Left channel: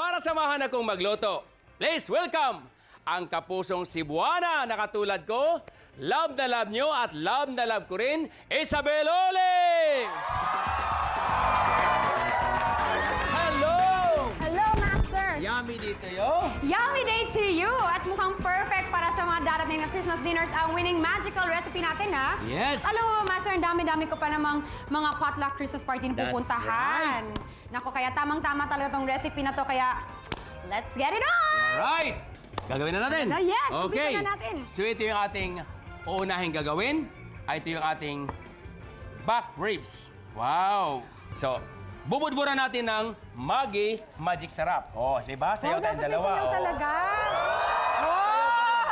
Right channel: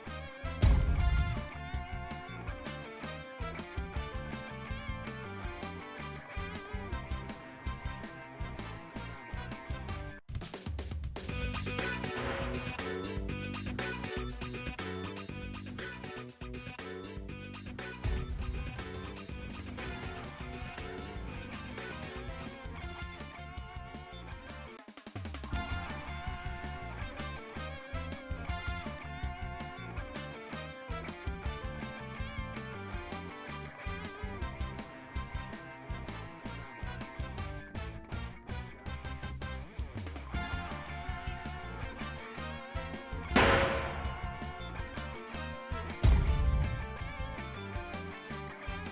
Para samahan akong magluto, please welcome ang kapusong Cebuana na katulad ko. Love na love nyo at love na love ko rin, Isabel Ole! Hello! Hello, Master! Yummy dito yo! Yummy day to you! At mukhang perfect para sa mga darating na Christmas dinners ang winning magical recipe natin, ha? Yes! Alam mo, Master, ang dami-dami ko pa namang mga potluck Christmas party na That's pupuntahan. Naku, kaya tamang-tama talaga tong recipe na to, kaya let's get it on! Right! Gagawin na natin! Yes, Okay! umpisa na natin. So ito yung ating uunahin gagawin. Ito yung ating back ribs. Wow! So, bubudburan natin ng Maggi Magic Sarap. Oh, diba? Sayo Wow, tayong dapat dalawa. sayaw Oh. talaga! Oh!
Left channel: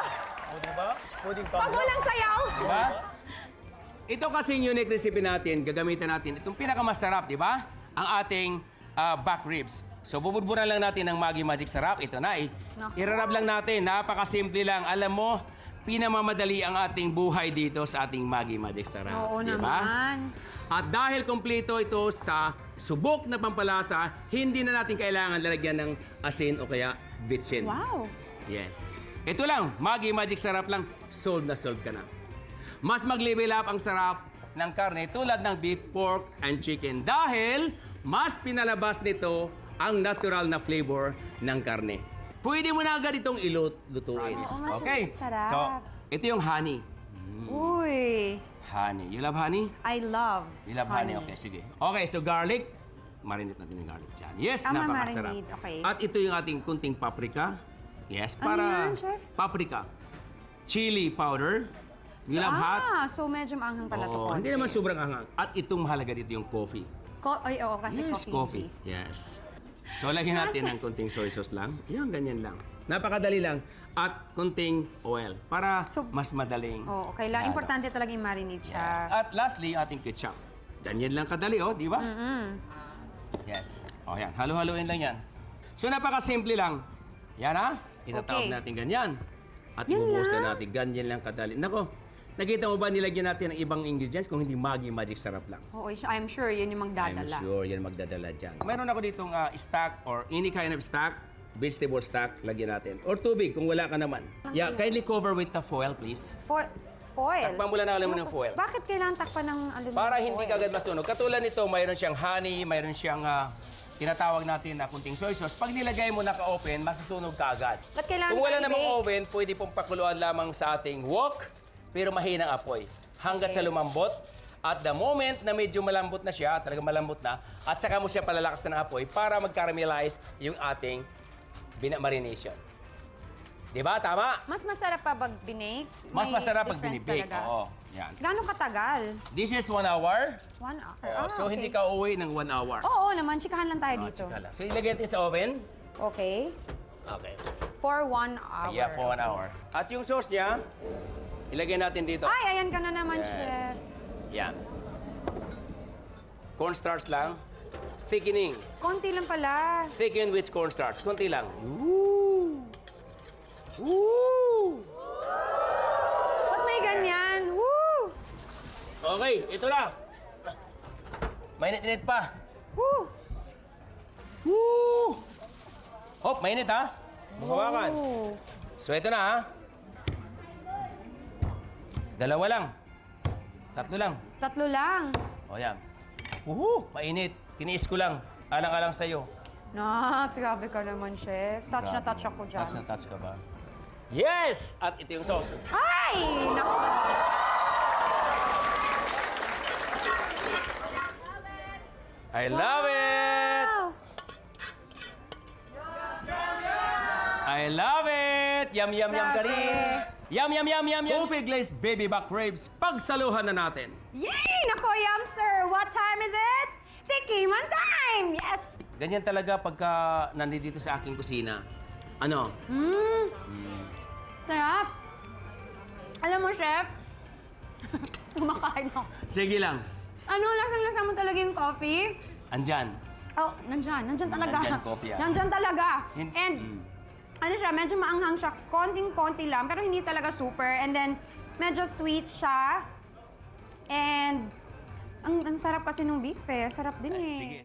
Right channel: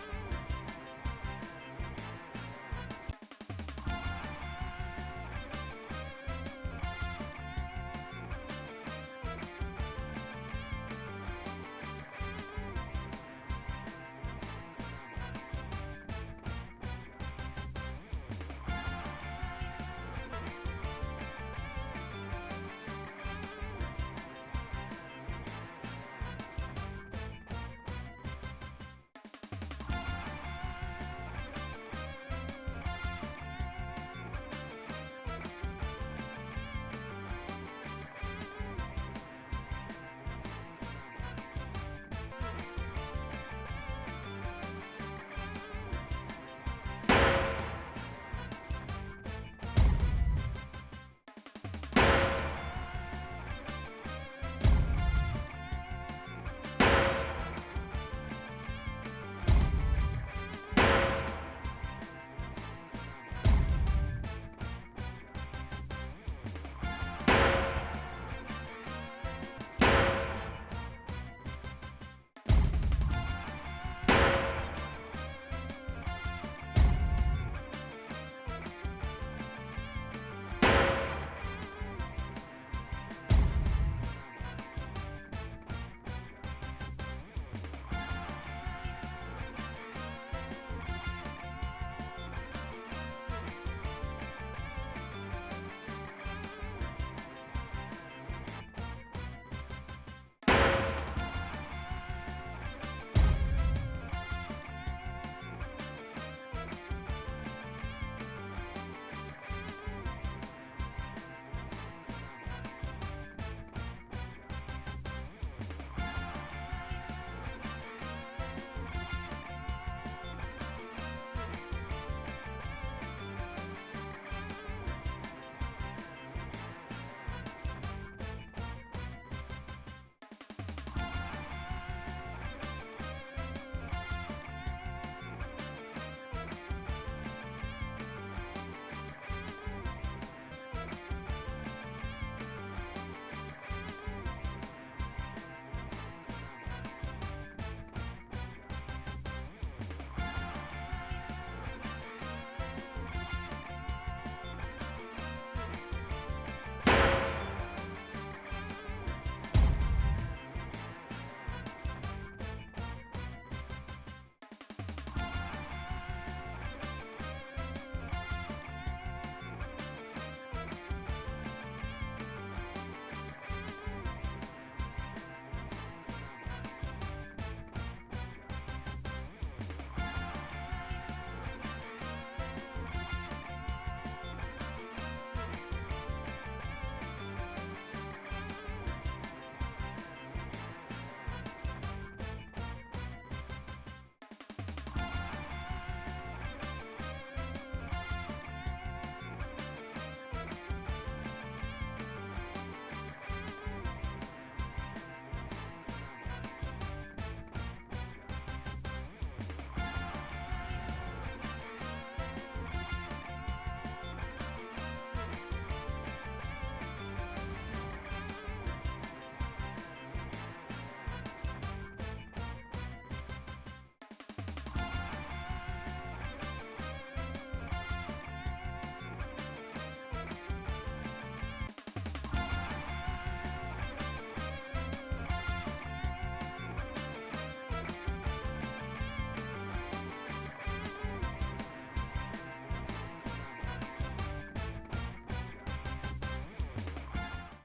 Diba? Pwedeng Pag walang sayaw! Diba? Ito kasing unique recipe natin, gagamitin natin itong pinakamasarap, di ba? Ang ating back ribs. So, bubudburan lang natin ng Maggi Magic Sarap. Ito na, irarab lang natin. Napakasimple lang. Alam mo, pinamamadali ang ating buhay dito sa ating Maggi Magic Sarap. Oo Di ba? naman. At dahil kompleto ito sa subok na pampalasa, hindi na natin kailangan lalagyan ng asin o kaya bitsin. Wow! Yes. Ito lang, Maggi Magic Sarap lang, sold na sold ka na. Mas mag-level up ang sarap ng karne tulad ng beef, pork, and chicken dahil mas pinalabas nito ang natural na flavor ng karne. Pwede mo na agad itong lutuin. Oo, mas Okay? sarap. So, ito yung honey. Uy! Honey. You love honey? I love You love honey? Okay, sige. Okay, so garlic. Marinate natin yung garlic dyan. Yes, Tama, napakasarap. marinate. Okay. At ito yung ating kunting paprika. Yes, para yan, chef? paprika. Chili powder. You love hot? So medyo maanghang pala to. Oo, hindi naman sobrang anghang. At itong mahalaga dito yung coffee. Coffee, kasi Yes, coffee. please. Yes. So, lagyan natin ng kunting soy sauce lang. Yan, ganyan lang. Napakadali lang. At kunting oil para So- mas madali. Oo, okay lang. Importante talaga yung marinate siya. At lastly, ating ketchup. Ganyan lang kadali, oh, di ba? Yes. O, yan. Halo-haloin lang yan. So, napakasimple lang. Yan, ha? Tinatawag Okay. natin ganyan. At Yun bubuhos lang? na natin. Ganyan lang kadali. Nako, nakita mo ba nilagyan natin ng ibang ingredients kung hindi Maggi Magic Sarap lang? Oo, I'm sure yun yung I'm magdadala. sure yan magdadala dyan. Meron ako ditong stock or any kind of stock, vegetable stock, lagyan natin. Or tubig kung wala ka naman. Yeah, kindly cover with the foil, please. Foil? Takpan mo lang na alam mo ng foil. Bakit kailangan takpan ng ano? Para hindi kagad masunog. Katulad nito, mayroon siyang honey, mayroon siyang tinatawag natin na kunting soy sauce. Pag nilagay mo naka-open, masusunog ka agad. Ba't kailangan Kung wala namang i-bake? oven, pwede pong pakuluan lamang sa ating wok, pero mahinang apoy. Hanggat sa lumambot. At the moment na medyo malambot na siya, talagang malambot na, at saka mo siya palalakas ng apoy para mag-caramelize yung ating marination. Diba? Tama? Mas masarap pa pag binake? Mas May masarap pag difference binibake. talaga? Oo. Yan. Gano'ng katagal? This is 1 hour. 1 hour. So, okay. hindi ka uuwi ng 1 hour. Oo naman, chikahan lang tayo dito. So, ilagay natin sa oven. Okay. Okay. For 1 hour. Yeah, for 1 hour. At yung sauce niya, ilagay natin dito. Ay, ayan ka na naman, Yes. chef. Yan. Cornstarch lang. Thickening. Konti lang pala. Thicken with cornstarch. Kunti lang. Woo! Woo! Ba't may ganyan? Woo! Okay, ito lang. Mainit-init pa. Woo! Woo! Hop, mainit ha. Hawakan. Woo! So, ito na ha. Dalawa lang. Tatlo lang. Tatlo lang. O, yan. Woohoo! Mainit. Tiniis ko lang. Alang-alang sa'yo. Nak, grabe ka naman, chef. Touch na touch ako dyan. Touch na touch ka ba? Yes! At ito yung sauce. Ay! Naku. I love it! Wow! I love it! Yum, yum, yum ka Grabe. rin. Yum, yum, yum, yum, yum. Buffet glazed baby back ribs. Pagsaluhan na natin. Yay! Nako, Yumster! What time is it? Tikiman time! Yes! Ganyan talaga pagka nandito sa aking kusina. Ano? Sarap! Alam mo, chef, kumakain ako. Sige lang. Ano, lasang-lasa mo talaga yung coffee? Andyan. Oh, nandyan. Nandyan talaga. Nandyan, coffee, ah. Nandyan talaga. Hin- And, ano siya, medyo maanghang siya. Konting-konti lang, pero hindi talaga super. And then, medyo sweet siya. And, ang sarap kasi ng beef eh. Sarap din eh. Sige.